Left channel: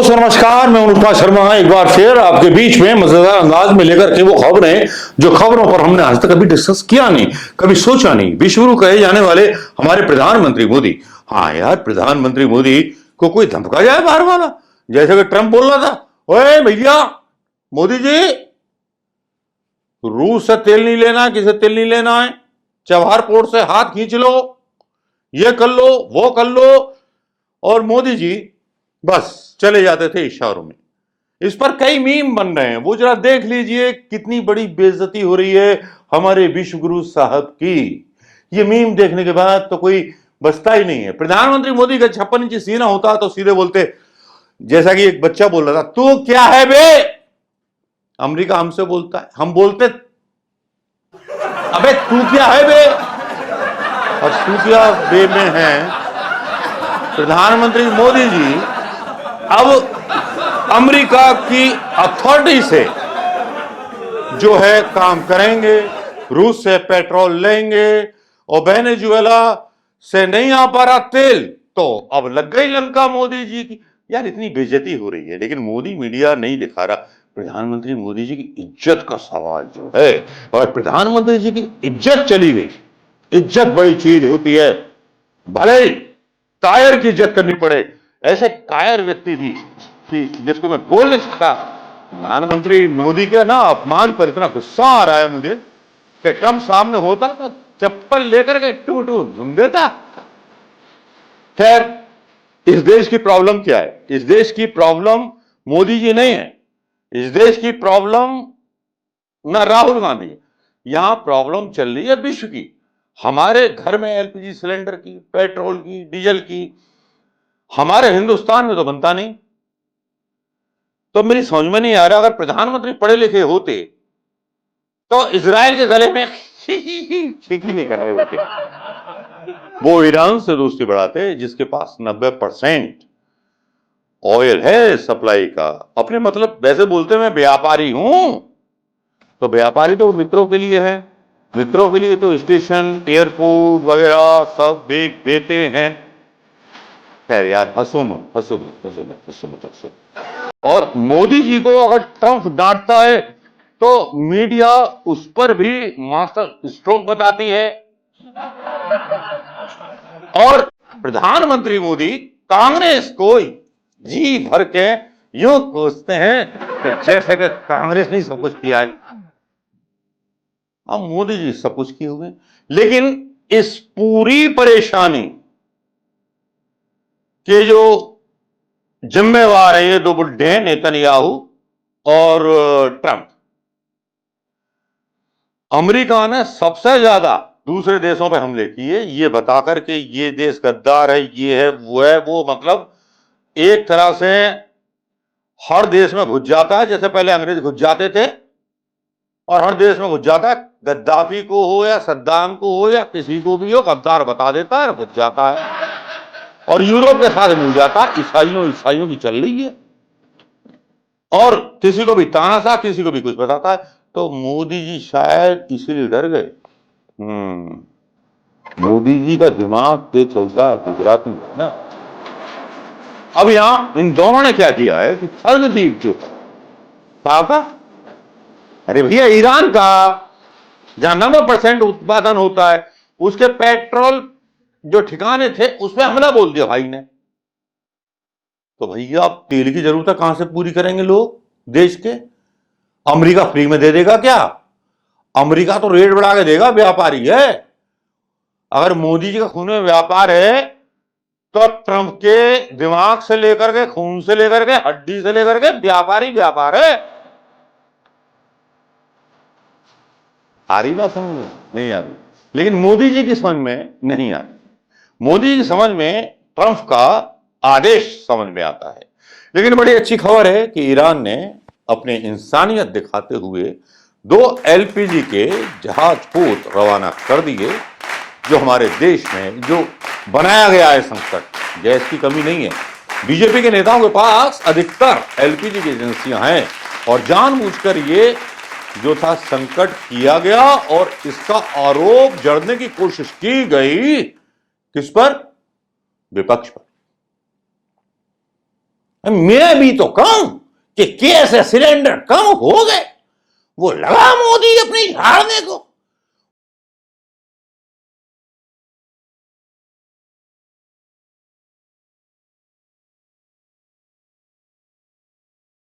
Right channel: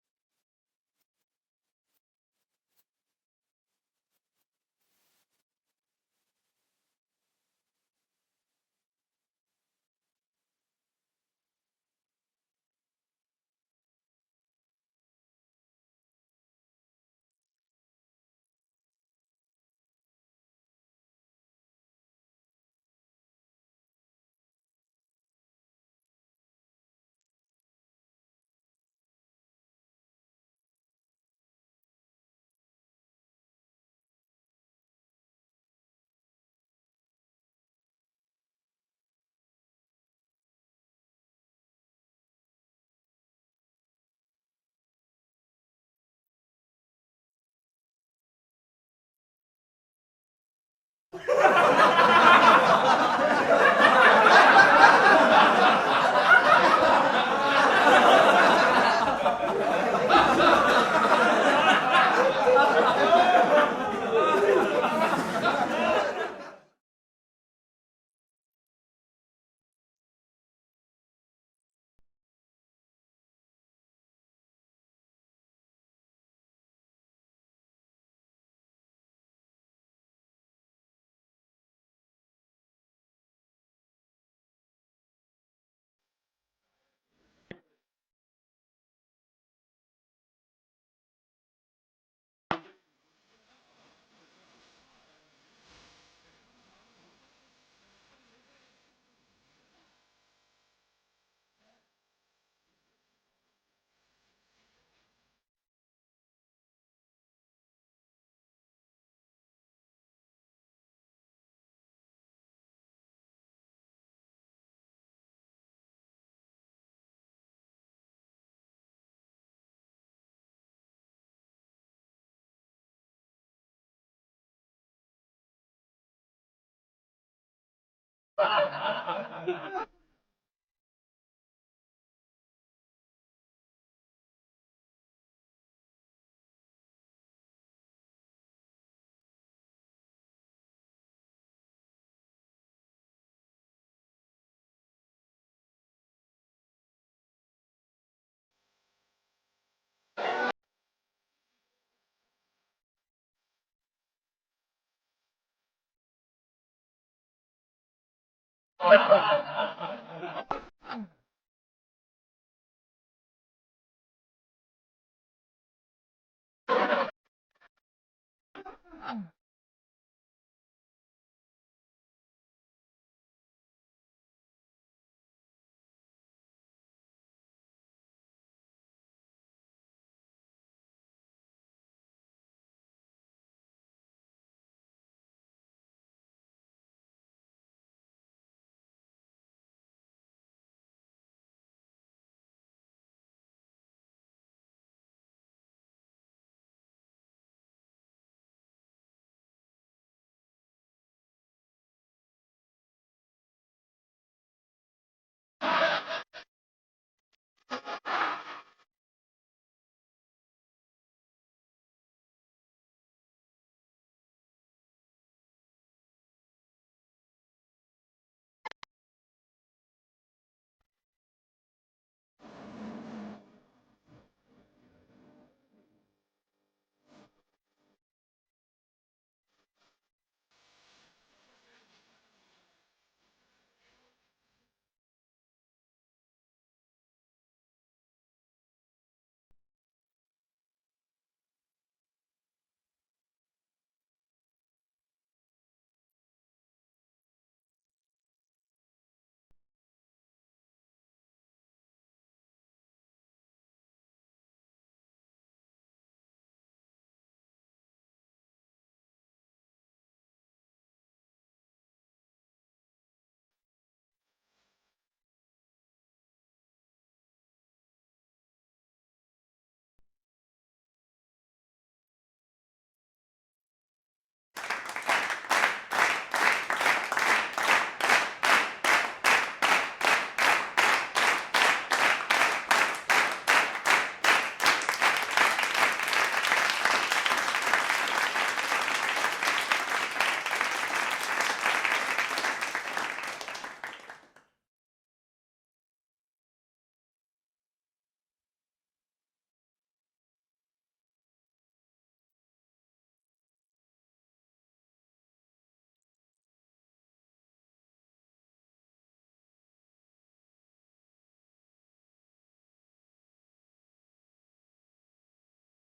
दोस्तों नमस्कार, मैं अनुष्का शर्मा एक बार फिर आपके बीच में मजेदार अंदाज में लेकर के वो खबरें जो खबरों पर हमने आज तक कभी डिस्कस किया नहीं, कभी सोचा नहीं। विश्वगुरु कहे जाने वाले हमारे प्रधानमंत्री मोदी। हाँ यार, प्रधानमंत्री मोदी को कोई धमका जाए बाहर वाला, जैसे कि ट्रंप बोल रहा था, ओए भैया मोदी जी, रूस से तेल नहीं लेना है, किसे तेल नहीं लेना है, चबहार पोर्ट से हाथ खींच लो, ये कर लो, वो कर लो। और मोदी जी बस चले जाते थे इशारों में। इस पर कई मीम बन रहे हैं, वो जरा देख लीजिए कितनी बड़ी बेइज्जती हो रही है हमारे विश्वगुरु साहब की। ये मीम देखने के बाद तो कोई बचता ही नहीं है। प्रधानमंत्री मोदी का 56 इंची सीना होता तो सीधे बोलते, जैसा कि एक बच्चा बोल रहा था, तू क्या है बे। अमेरिका हमसे बोलता है, हम बोलते अबे तू क्या है बे। और तू क्या बे में है प्रधानमंत्री मोदी जी अब अमेरिका की अथॉरिटी से जो है काम करेंगे, रूस से पेट्रोल लेंगे और वेनेजुएला से नहीं आ पा रहा तेल तो अब लग गई लंका मोदी जी की। यार इतनी बेइज्जती हो रही है, लेकिन मोदी मीडिया नहीं दिखा रहा प्रधानमंत्री मोदी जी की इज्जत का सवाल जो है। और प्रधानमंत्री जी की इज्जत चली गई। इज्जत बड़ी चीज होती है, भले कायर की इज्जत करनी पड़े। ऐसे कायर व्यक्ति थी जिसको मैं बोल नहीं सकता। प्रधानमंत्री मोदी के ना अपमान पर इतना गुस्सा आ रहा है मुझे कि ट्रंप सामने होता तो चप्पल लेकर के टू टू घूम देता। खैर, इस देश की प्रॉब्लम क्या है? इस देश की प्रॉब्लम मोदी जी नहीं है, इस देश की प्रॉब्लम ना राहुल गांधी। यहां प्रॉब्लम चल रही है विश्व की। हमारे घर में एलपीजी सिलेंडर की, पेट्रोल की, डीजल की, हमारे हिंदुस्तान में तो बनता नहीं। तो मेरी समझ में नहीं आ रहा, अगर प्रधानमंत्री पढ़े लिखे होते तो इजराइल के गले में खींची नहीं कराए होते। वो ईरान से दोस्ती बढ़ाते जिसके पास 90% ऑयल है सप्लाई का। अपने मतलब वैसे बोलते मैं व्यापारी हूं, तो व्यापारी तो मित्रों के लिए है, मित्रों के लिए तो स्टेशन एयरपोर्ट वगैरह सब बेच देते हैं। खैर यार, हंसो मत, हंसो मत, हंसो मत, हंसो मत, हंसो। और मोदी जी को अगर ट्रंप डांटता है तो मीडिया उस पर भी मास्टर स्ट्रोक बताती है। और प्रधानमंत्री मोदी कांग्रेस को जी भर के यूं कोसते हैं जैसे कि कांग्रेस ने सब कुछ किया है। अब मोदी जी सब कुछ किए हुए, लेकिन इस पूरी परेशानी के जो जिम्मेवार है ये दो बुड्ढे हैं, नेतन्याहू और ट्रंप। अमेरिका ने सबसे ज्यादा दूसरे देशों पे हमले किए, ये बताकर के ये देश गद्दार है, ये है वो है, वो मतलब एक तरह से हर देश में घुस जाता है, जैसे पहले अंग्रेज घुस जाते थे और हर देश में घुस जाता है। गद्दाफी को हो या सद्दाम को हो या किसी को भी हो, गद्दार बता देता है, घुस जाता है और यूरोप के साथ मिल जाता है। ईसाइयों की चल रही है और किसी को भी तानाशाह, किसी को भी कुछ बताता है। तो मोदी जी शायद इसीलिए डर गए। मोदी जी का दिमाग तेज चलता है गुजरात में ना। अब यहां इन दोनों ने क्या किया है कि सर्वदीप जो था, अरे भैया ईरान का जहां 90% उत्पादन होता है उसके पेट्रोल जो ठिकाने थे उस पर हमला बोल दिया भाई ने। तो भैया अब तेल की जरूरत कहां से पूरी करेंगे लोग देश के? अमेरिका फ्री में दे देगा क्या? अमेरिका तो रेट बढ़ा के देगा, व्यापारी है। अगर मोदी जी का खून में व्यापार है तो ट्रंप के दिमाग से लेकर के, खून से लेकर के, हड्डी से लेकर के व्यापारी व्यापार है। आ रही बात समझ में? नहीं आ रही, लेकिन मोदी जी की समझ में नहीं आ रही। मोदी जी की समझ में ट्रंप का आदेश समझ में आता है। लेकिन बड़ी अच्छी खबर है कि ईरान ने अपने इंसानियत दिखाते हुए 2 एलपीजी के जहाज पोत रवाना कर दिए। जो हमारे देश में जो बनाया गया है संकट, गैस की कमी नहीं है। बीजेपी के नेताओं के पास अधिकतर एलपीजी की एजेंसियां हैं और जानबूझकर ये जो था संकट किया गया और इसका आरोप जड़ने की कोशिश की गई। किस पर? विपक्ष पर। मैं भी तो कहूं कि कैसे सिलेंडर कम हो गए, वो लगा मोदी अपनी झाड़ने को।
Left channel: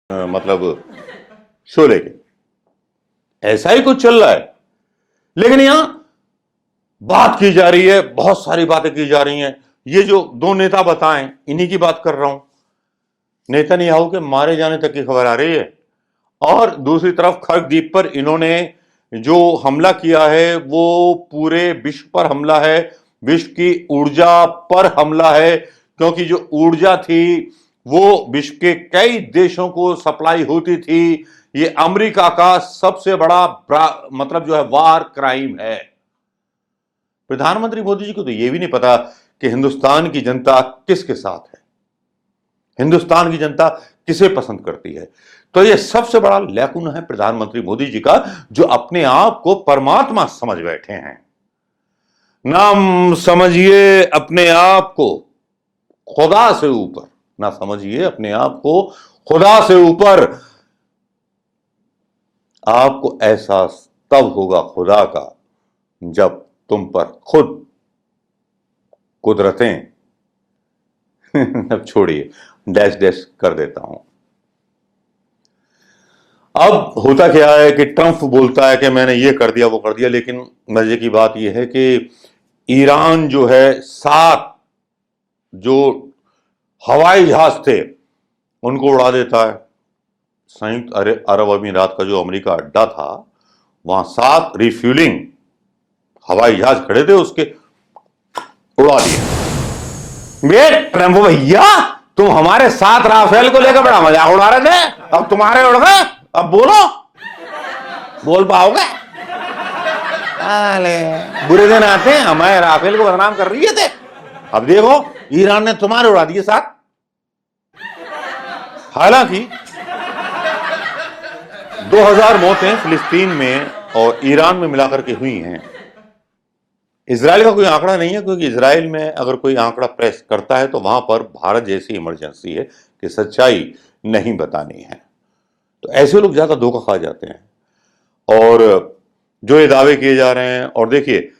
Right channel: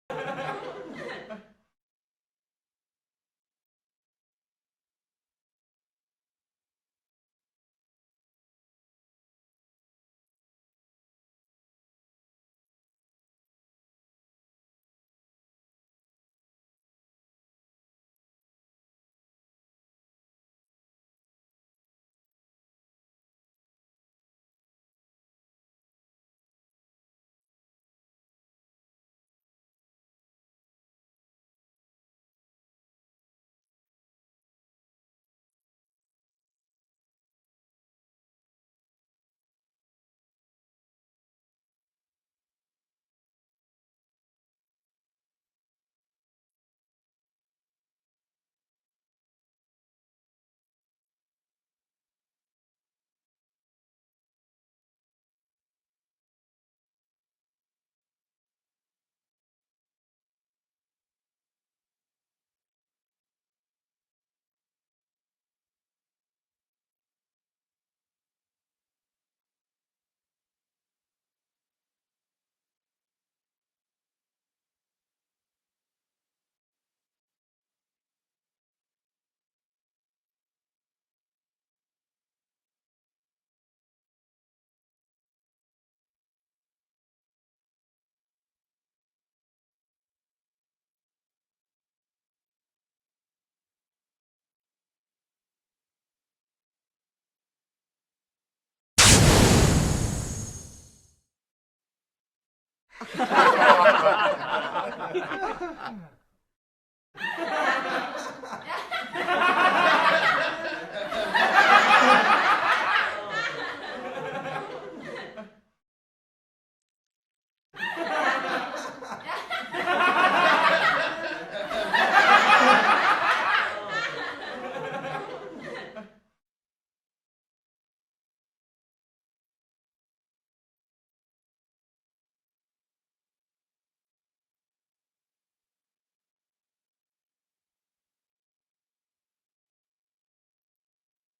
मतलब शोले के ऐसा ही कुछ चल रहा है। लेकिन यहां बात की जा रही है, बहुत सारी बातें की जा रही हैं। ये जो दो नेता बताएं, इन्हीं की बात कर रहा हूं। नेतन्याहू के मारे जाने तक की खबर आ रही है, और दूसरी तरफ खरगदीप पर इन्होंने जो हमला किया है वो पूरे विश्व पर हमला है, विश्व की ऊर्जा पर हमला है, क्योंकि जो ऊर्जा थी वो विश्व के कई देशों को सप्लाई होती थी। ये अमेरिका का सबसे बड़ा मतलब जो है वार क्राइम है। प्रधानमंत्री मोदी जी को तो यह भी नहीं पता कि हिंदुस्तान की जनता किसके साथ है, हिंदुस्तान की जनता किसे पसंद करती है। तो यह सबसे बड़ा लैकुन है प्रधानमंत्री मोदी जी का, जो अपने आप को परमात्मा समझ बैठे हैं। ना समझिए अपने आप को खुदा से ऊपर, ना समझिए अपने आप को खुदा से ऊपर। आपको एहसास तब होगा खुदा का जब तुम पर खुद कुदरतें अब छोड़िए, डैश डैश कर देता हूं। अब होता क्या है कि ट्रंप बोलता है कि मैंने ये कर दिया वो कर दिया, लेकिन मजे की बात यह है कि ईरान जो है 7 जो हवाई जहाज थे उनको उड़ा देता है। संयुक्त अरब अमीरात का जो अमेरिका अड्डा था, वहां 7 रिफ्यूलिंग हवाई जहाज खड़े थे, उसके उड़ा दिए। ट्रंप भैया, तुम हमारे 7 राफेल को लेकर बड़ा मजाक उड़ा रहे थे, अब तुम्हारे उड़ गए, अब बोलो, बोल पाओगे? बुरे दिन आते हैं, हमारे राफेल को बदनाम कर रही थे, अब देखो ईरान ने तुम्हारे उड़ा दिए 7। हालांकि 2000 मौतें फिलिस्तीन में और ईरान में मिलाकर के हुई हैं। इजराइल का कोई आंकड़ा नहीं है, क्योंकि इजराइल में अगर कोई आंकड़ा प्रेस करता है तो वहां पर भारत जैसी इमरजेंसी है कि सच्चाई नहीं बतानी है। तो ऐसे लोग ज्यादा धोखा खा जाते हैं और जो ये दावे किए जा रहे हैं। और देखिए,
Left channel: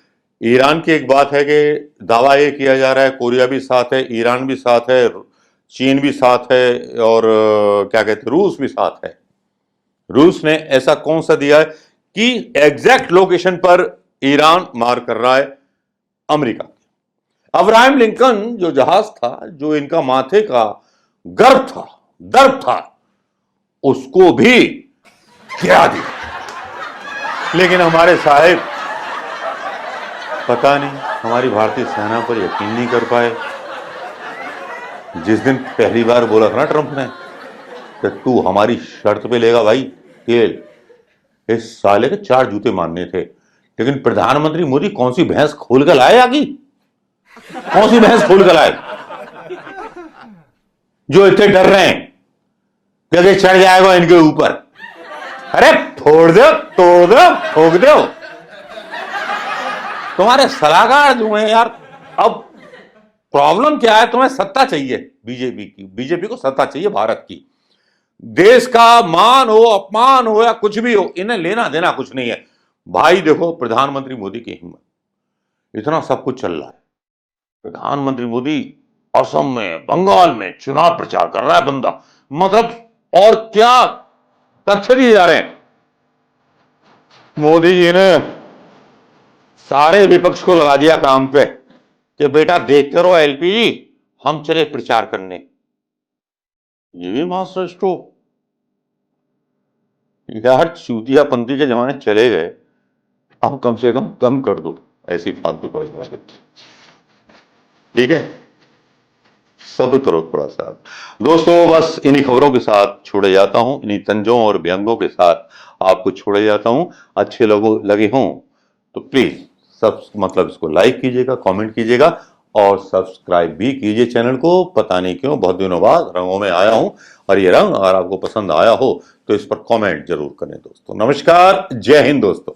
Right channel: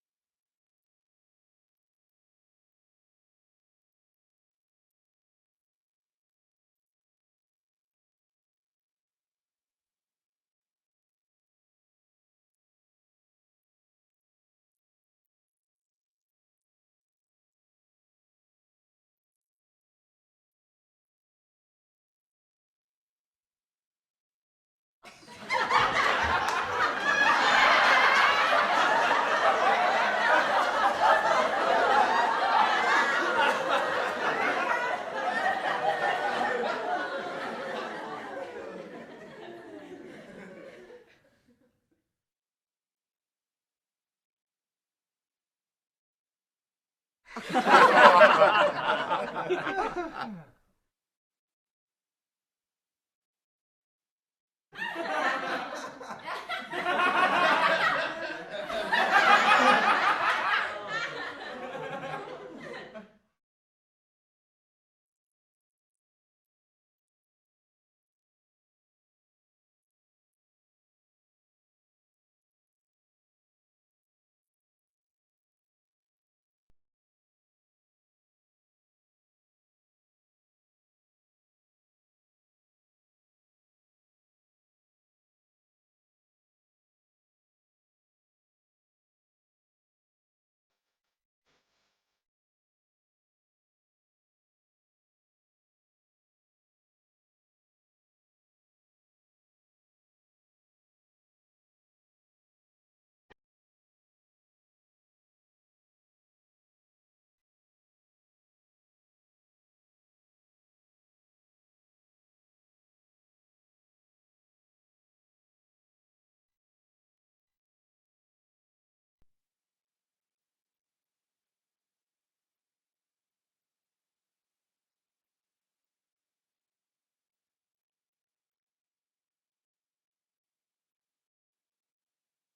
ईरान की एक बात है कि दावा ये किया जा रहा है कोरिया भी साथ है, ईरान भी साथ है, चीन भी साथ है, और क्या कहते हैं, रूस भी साथ है। रूस ने ऐसा कौन सा दिया है कि एग्जैक्ट लोकेशन पर ईरान मार कर रहा है अमेरिका। अब्राहम लिंकन जो जहाज था, जो इनका माथे का गर्व था, दर्द था, उसको भी गिरा दिया। लेकिन हमारे साहेब पता नहीं हमारी भारतीय सेना पर यकीन नहीं कर पाए। जिस दिन पहली बार बोला था ना ट्रंप ने कि तू हमारी शर्त पे लेगा भाई खेल, इस साले के 4 जूते मारने थे। लेकिन प्रधानमंत्री मोदी कौन सी भैंस खोल कर लाए आगे, कौन सी भैंस खोल कर लाए जो इतने डर रहे हैं कि चढ़ जाएगा इनके ऊपर। अरे फोड़ दो, तोड़ दो, ठोक दो। तुम्हारे सलाहकार जो हैं यार, अब प्रॉब्लम क्या है, तुम्हें सत्ता चाहिए बीजेपी की, बीजेपी को सत्ता चाहिए भारत की। देश का मान हो, अपमान हो या कुछ भी हो, इन्हें लेना देना कुछ नहीं है भाई। देखो प्रधानमंत्री मोदी की हिम्मत, इतना सब कुछ चल रहा है, प्रधानमंत्री मोदी असम में, बंगाल में चुनाव प्रचार कर रहा है बंदा, मतलब और क्या तथ्य दिए जा रहे हैं। मोदी जी ने सारे विपक्ष को लगा दिया काम पे कि बेटा देखते रहो एलपीजी, हम चले प्रचार करने। ये भी मास्टर स्ट्रोक यार, चूतियापंथी के जमाने चले गए, अब कम से कम कर दो ऐसी फालतू बात। ठीक है, सब करो थोड़ा सा। दोस्तों बस इन्हीं खबरों के साथ छोड़े जाता हूं, इन्हीं तंजों और व्यंगों के साथ आपको छोड़े जाता हूं। अच्छे लोगों लगे हों तो प्लीज सब मतलब इसको लाइक कीजिएगा, कमेंट कीजिएगा और सब्सक्राइब भी कीजिए चैनल को। पता नहीं क्यों बहुत दिनों बाद रंगों में आया हूं, और ये रंग अगर आपको पसंद आया हो तो इस पर कमेंट जरूर करें दोस्तों। नमस्कार, जय हिंद दोस्तों।